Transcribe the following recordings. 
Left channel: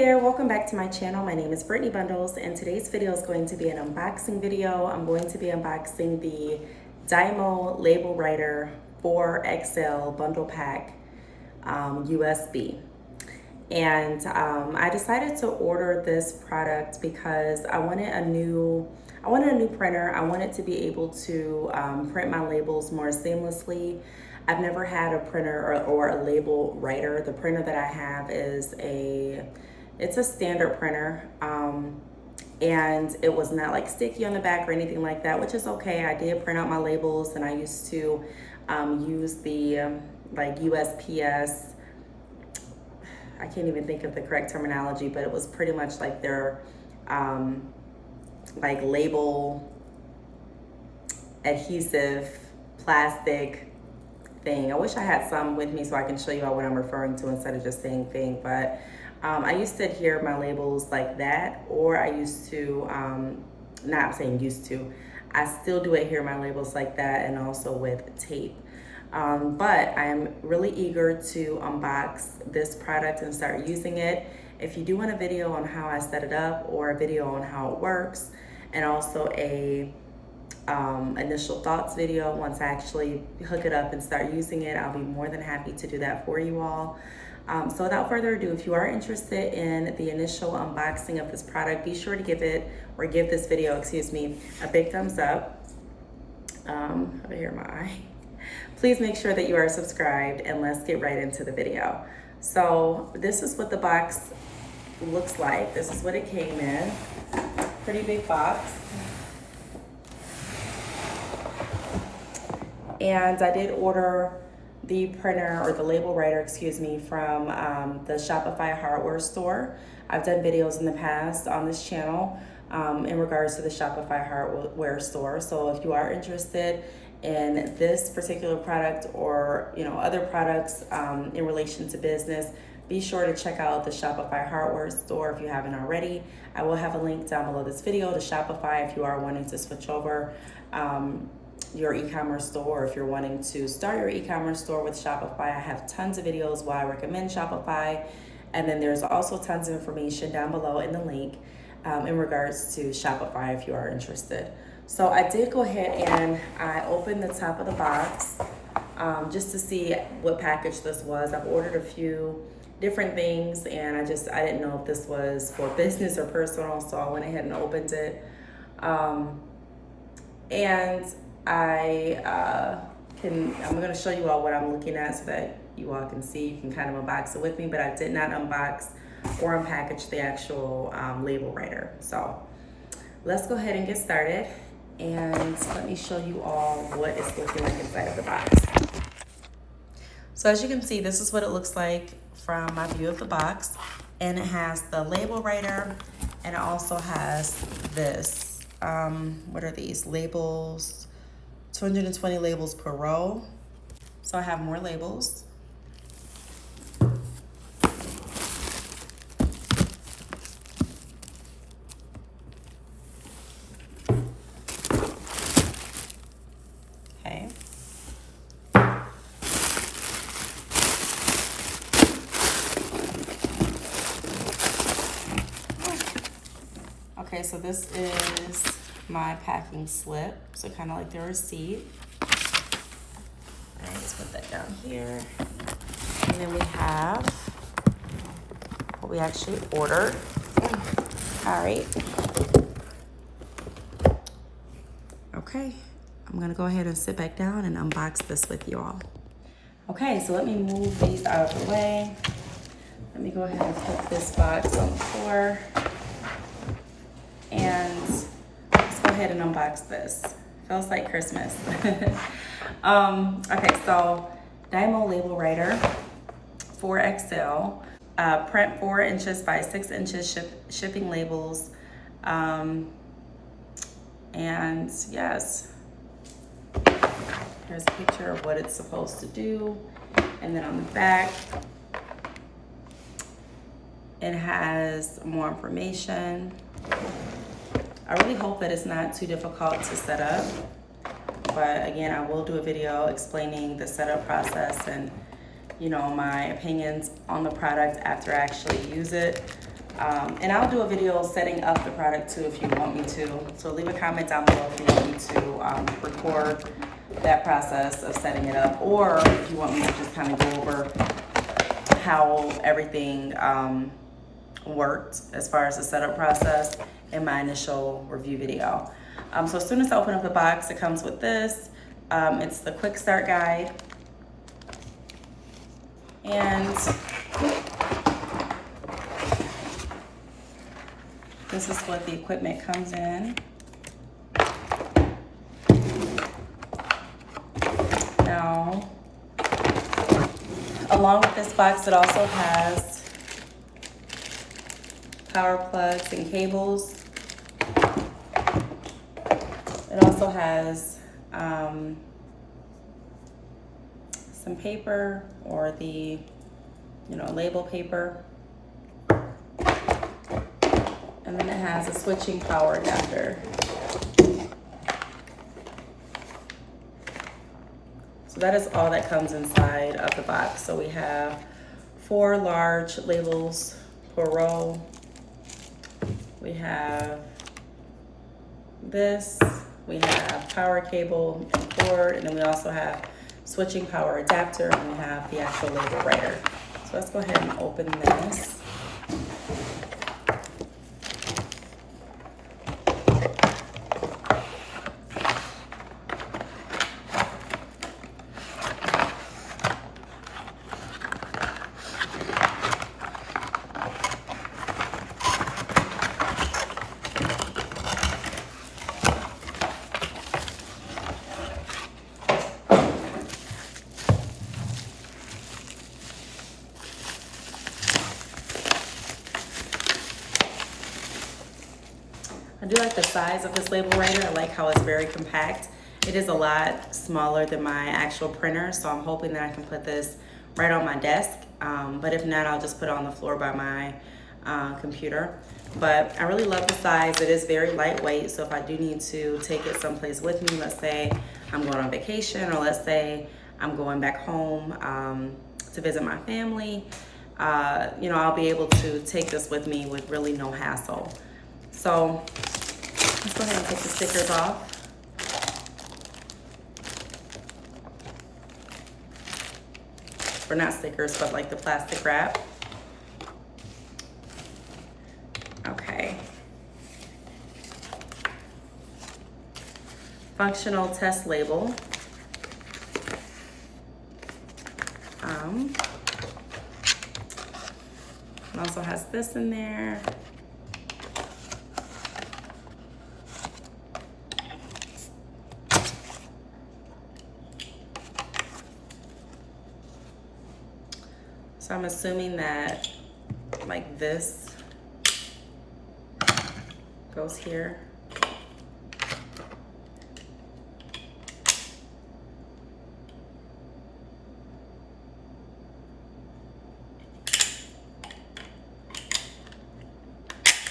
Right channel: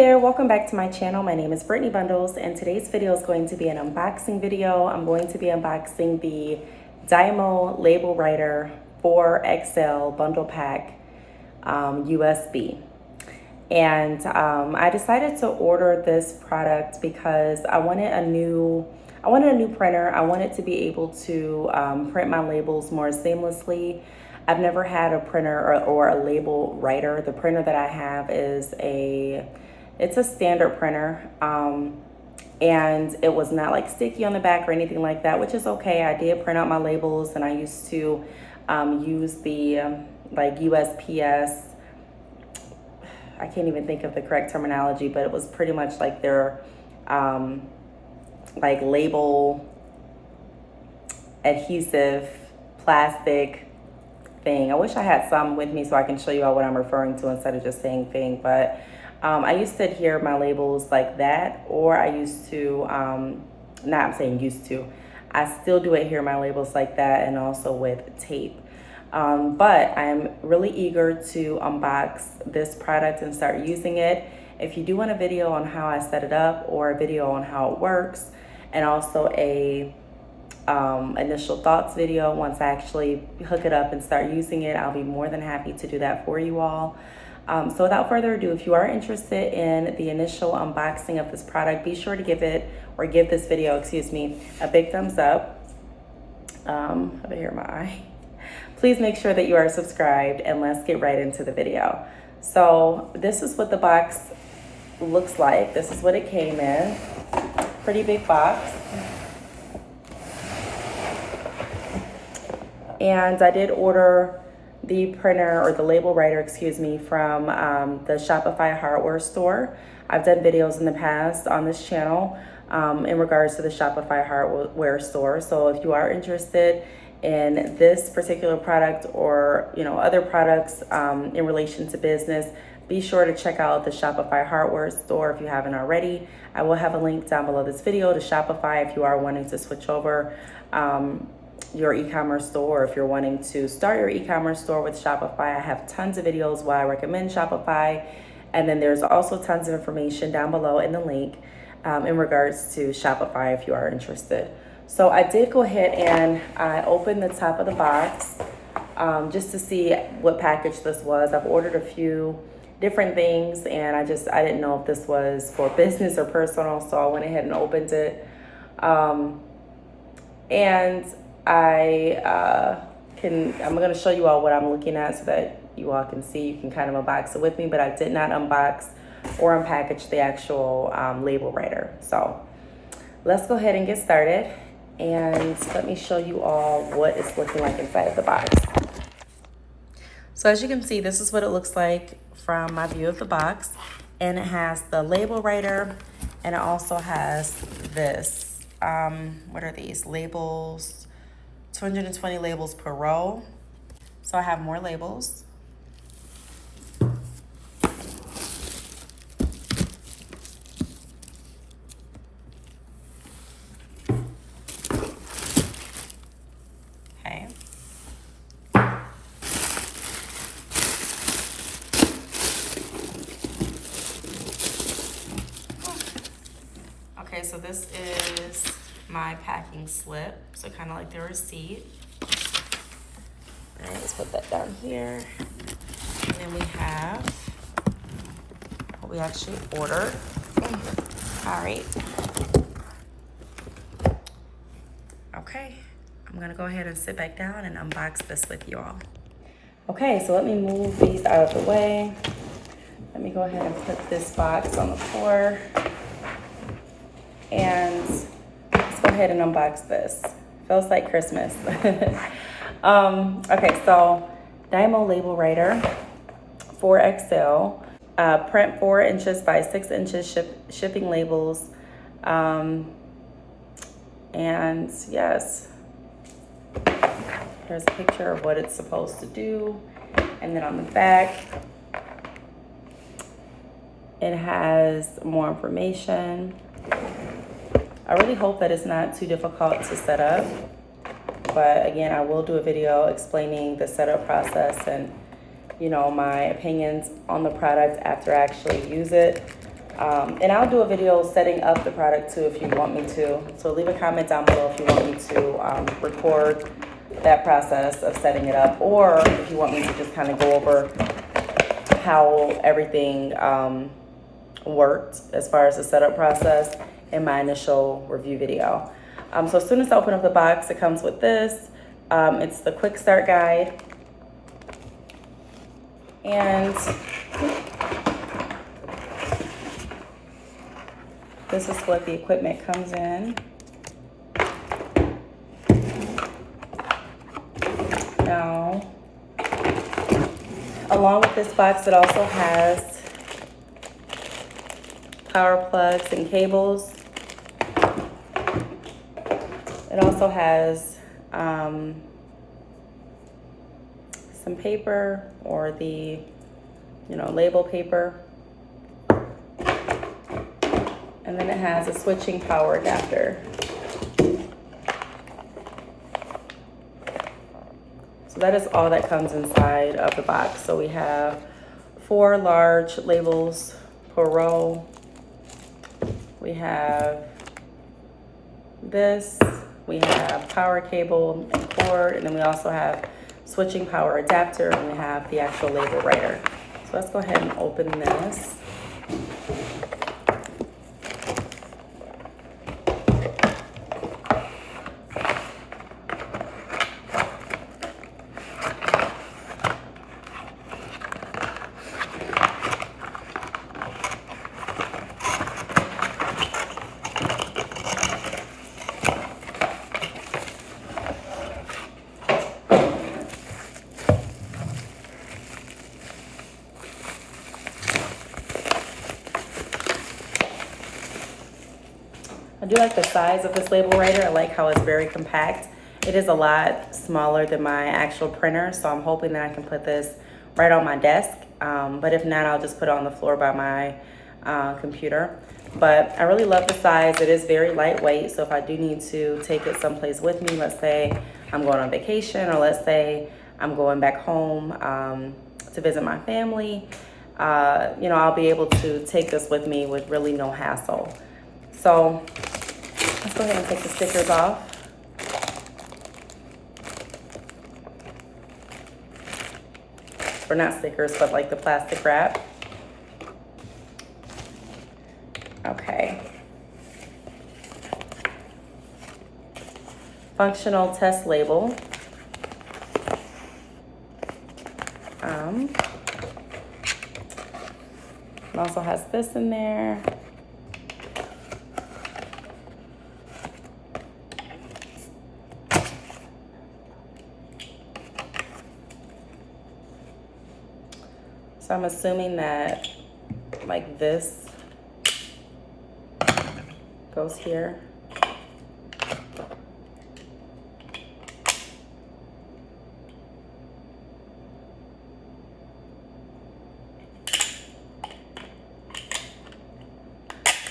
there, welcome back to my channel. My name is Brittney Bundles, and today's video is going to be an unboxing video. I'm going to be unboxing the Dymo LabelWriter 4XL bundle pack USB. And I decided to order this product because I wanted a new printer. I wanted to be able to print my labels more seamlessly. I've never had a printer or a label writer. The printer that I have is it's a standard printer, and it was not like sticky on the back or anything like that, which is okay. I did print out my labels, and I used to use the like USPS. I can't even think of the correct terminology, but it was pretty much like their like label adhesive plastic thing. I wish I had some with me so I can show you all what I'm referring to instead of just saying thing, but I used to adhere my labels like that, or I used to, I'm saying used to, I still do adhere my labels like that, and also with tape. But I am really eager to unbox this product and start using it. If you do want a video on how I set it up, or a video on how it works, and also a initial thoughts video once I actually hook it up and start using it, I'll be more than happy to do that for you all. So without further ado, if you are interested in the initial unboxing of this product, be sure to give this video, a big thumbs up. Over here, my eye. Please make sure that you are subscribed, and let's get right into the video. So this is what the box looks like. This is what it came in. Pretty big box. And I did order the printer, or the label writer, from the Shopify hardware store. I've done videos in the past on this channel in regards to the Shopify hardware store. So if you are interested in this particular product, or other products in relation to business, be sure to check out the Shopify hardware store if you haven't already. I will have a link down below this video to Shopify if you are wanting to switch over your e-commerce store, or if you're wanting to start your e-commerce store with Shopify. I have tons of videos why I recommend Shopify, and then there's also tons of information down below in the link in regards to Shopify if you are interested. So I did go ahead and I opened the top of the box just to see what package this was. I've ordered a few different things, and I didn't know if this was for business or personal, so I went ahead and opened it. And I'm going to show you all what I'm looking at so that you all can see. You can kind of unbox it with me, but I did not unbox or unpackage the actual label writer. So let's go ahead and get started, and let me show you all what it's looking like inside of the box. So as you can see, this is what it looks like from my view of the box, and it has the label writer, and it also has this, what are these labels? 220 labels per row. So I have more labels. Okay. Okay, so this is my packing slip, so kind of like the receipt. All right, let's put that down here. And then we have what we actually ordered. All right. Okay, I'm gonna go ahead and sit back down and unbox this with you all. Okay, so let me move these out of the way. Let me go ahead and put this box on the floor, and let's go ahead and unbox this. Feels like Christmas. Okay, so Dymo LabelWriter 4XL, print 4 inches by 6 inches, shipping labels, and yes, here's a picture of what it's supposed to do, and then on the back it has more information. I really hope that it's not too difficult to set up, but again, I will do a video explaining the setup process and my opinions on the product after I actually use it. And I'll do a video setting up the product too if you want me to. So leave a comment down below if you want me to record that process of setting it up, or if you want me to just kind of go over how everything worked as far as the setup process in my initial review video. So as soon as I open up the box, it comes with this. It's the quick start guide. And this is what the equipment comes in. Now, along with this box, it also has power plugs and cables. It also has some paper, or the, label paper. And then it has a switching power adapter. So that is all that comes inside of the box. So we have 4 large labels per row. We have this, we have power cable and cord, and then we also have switching power adapter, and we have the actual label writer. So let's go ahead and open this. I do like the size of this label writer. I like how it's very compact. It is a lot smaller than my actual printer, so I'm hoping that I can put this right on my desk. But if not, I'll just put it on the floor by my computer. But I really love the size. It is very lightweight, so if I do need to take it someplace with me, let's say I'm going on vacation, or let's say I'm going back home to visit my family, I'll be able to take this with me with really no hassle. So let's go ahead and take the stickers off. Or not stickers, but like the plastic wrap. Okay. Functional test label. It also has this in there. So I'm assuming that like this goes here.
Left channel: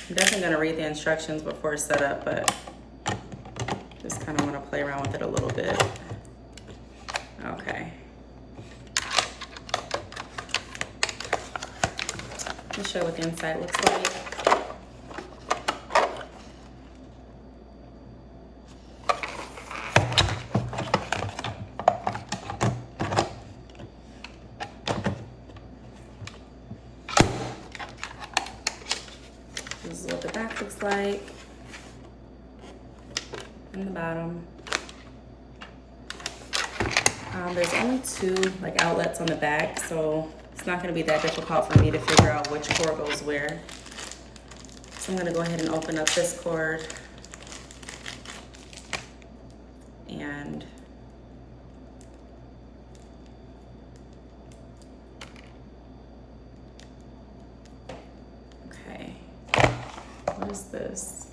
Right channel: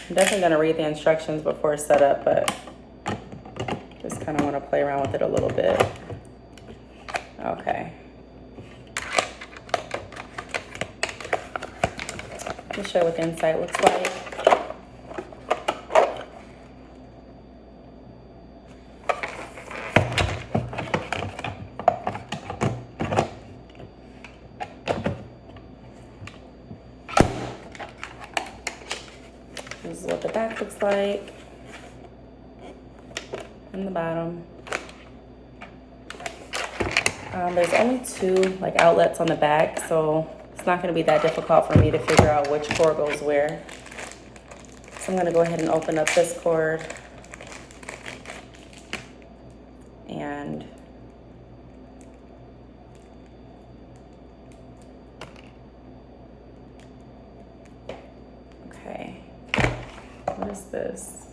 I'm definitely gonna read the instructions before setup, but just kind of want to play around with it a little bit. Okay. Let me show you what the inside looks like. This is what the back looks like, and the bottom. There's only 2 like outlets on the back, so it's not going to be that difficult for me to figure out which cord goes where. So I'm going to go ahead and open up this cord, and okay, what is this?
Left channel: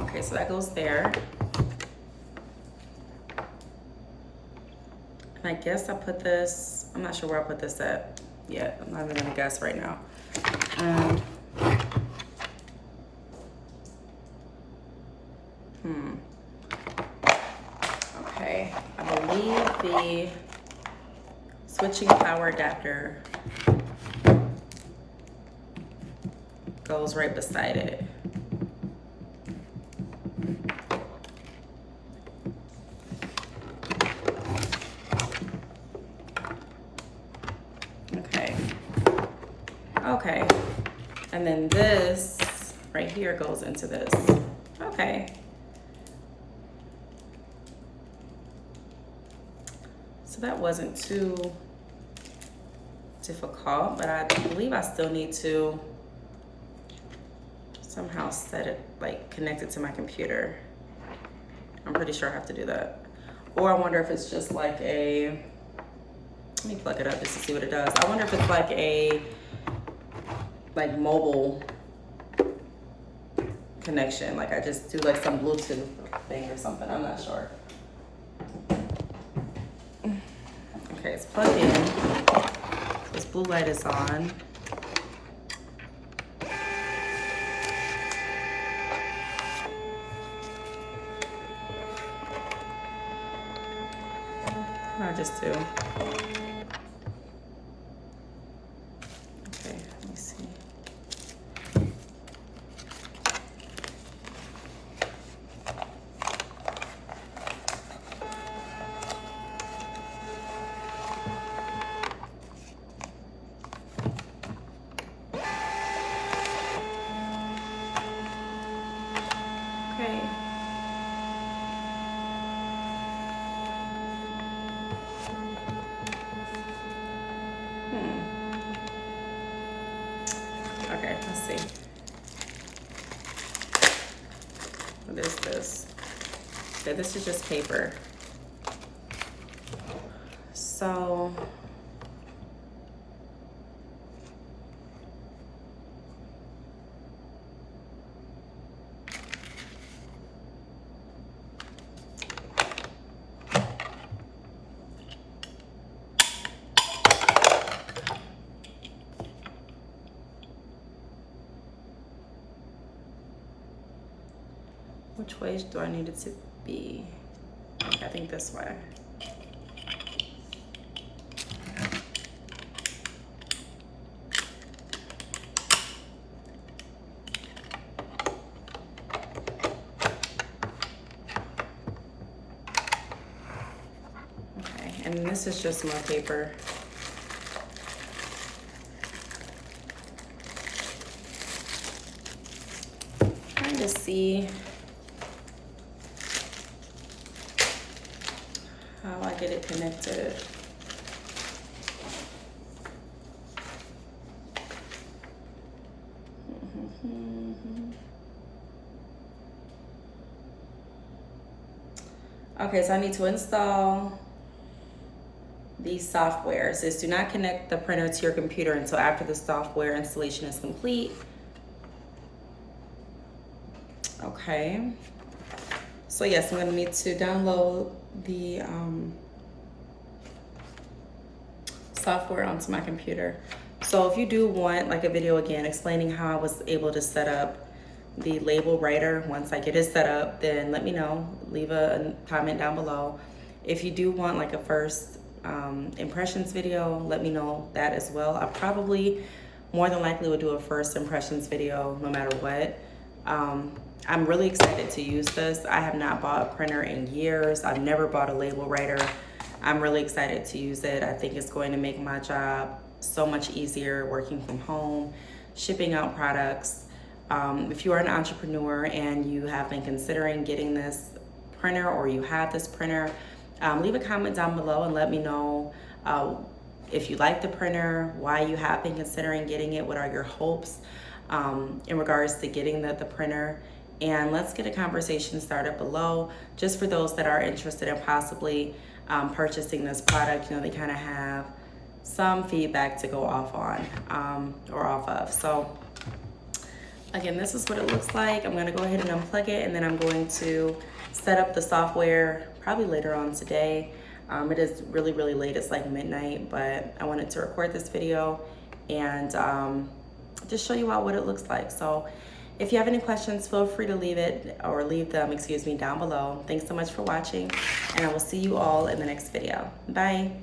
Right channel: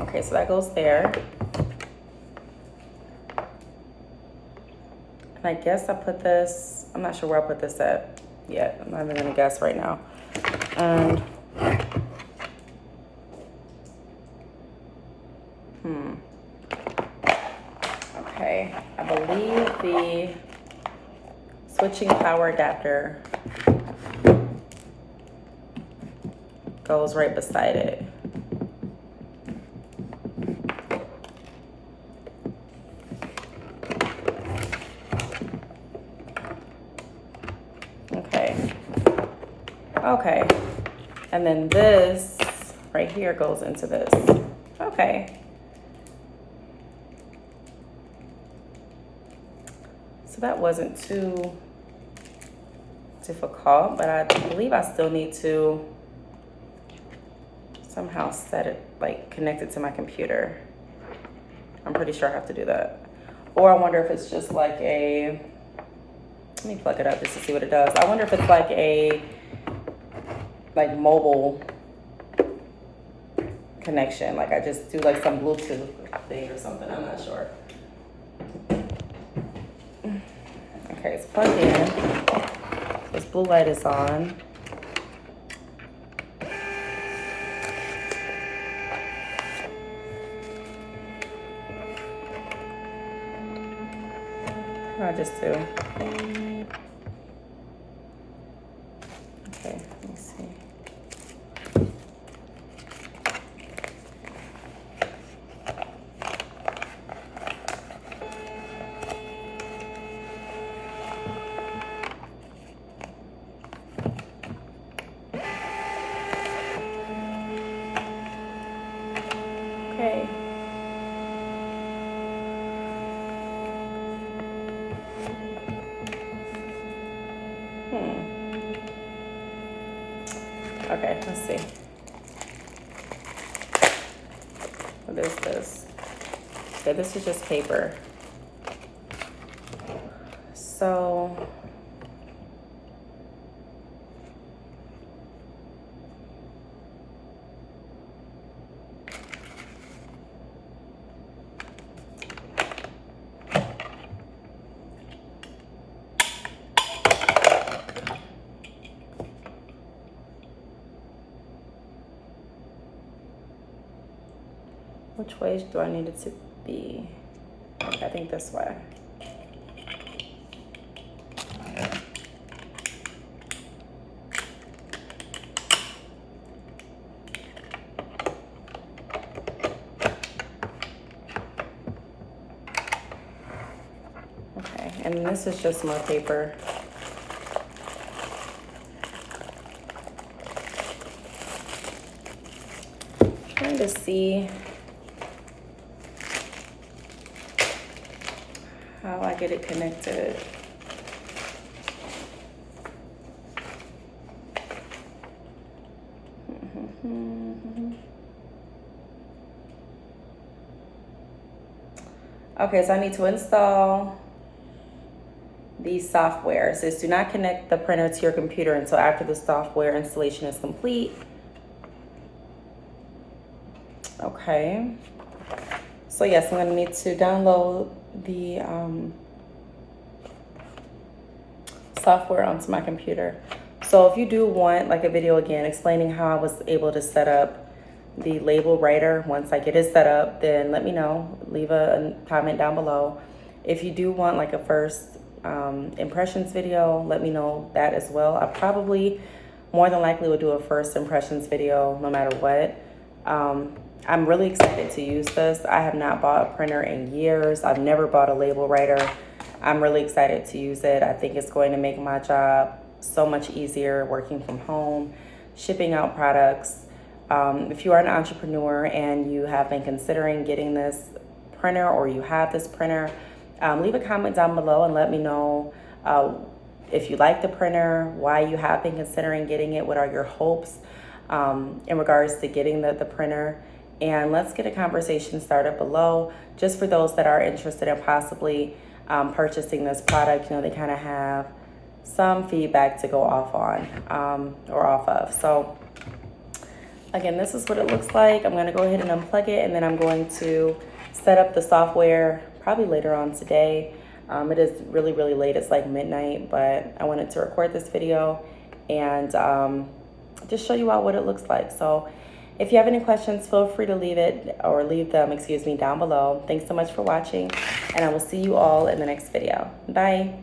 Okay, so that goes there. And I guess I put this, I'm not sure where I put this at. yet. I'm not even gonna guess right now. And okay, I believe the switching power adapter goes right beside it. Okay, and then this right here goes into this. Okay. So that wasn't too difficult, but I believe I still need to somehow set it, like connect it to my computer. I'm pretty sure I have to do that. Or I wonder if it's just like a, let me plug it up just to see what it does. I wonder if it's like a mobile connection, like I just do like some Bluetooth thing or something. I'm not sure. Okay, it's plugged in. This blue light is on. I just do. Okay, let me see. Okay. Okay, let's see. What is this? Okay, this is just paper. So which way do I need it to be? Okay, I think this way. Okay, and this is just more paper. Trying to see how I get it connected. Okay, so I need to install the software. It says do not connect the printer to your computer until after the software installation is complete. Okay. So yes, I'm gonna need to download the software onto my computer. So if you do want like a video again explaining how I was able to set up the LabelWriter, once I get it set up, then let me know. Leave a comment down below. If you do want like a first impressions video, let me know that as well. I probably more than likely would do a first impressions video no matter what. I'm really excited to use this. I have not bought a printer in years. I've never bought a LabelWriter. I'm really excited to use it. I think it's going to make my job so much easier working from home, shipping out products. If you are an entrepreneur and you have been considering getting this printer or you have this printer, leave a comment down below and let me know if you like the printer, why you have been considering getting it, what are your hopes in regards to getting the printer. And let's get a conversation started below, just for those that are interested in possibly purchasing this product. You know, they kind of have some feedback to go off on or off of. So again, this is what it looks like. I'm gonna go ahead and unplug it, and then I'm going to set up the software probably later on today. It is really, really late. It's like midnight, but I wanted to record this video and just show you all what it looks like. So if you have any questions, feel free to leave them, excuse me, down below. Thanks so much for watching, and I will see you all in the next video. Bye.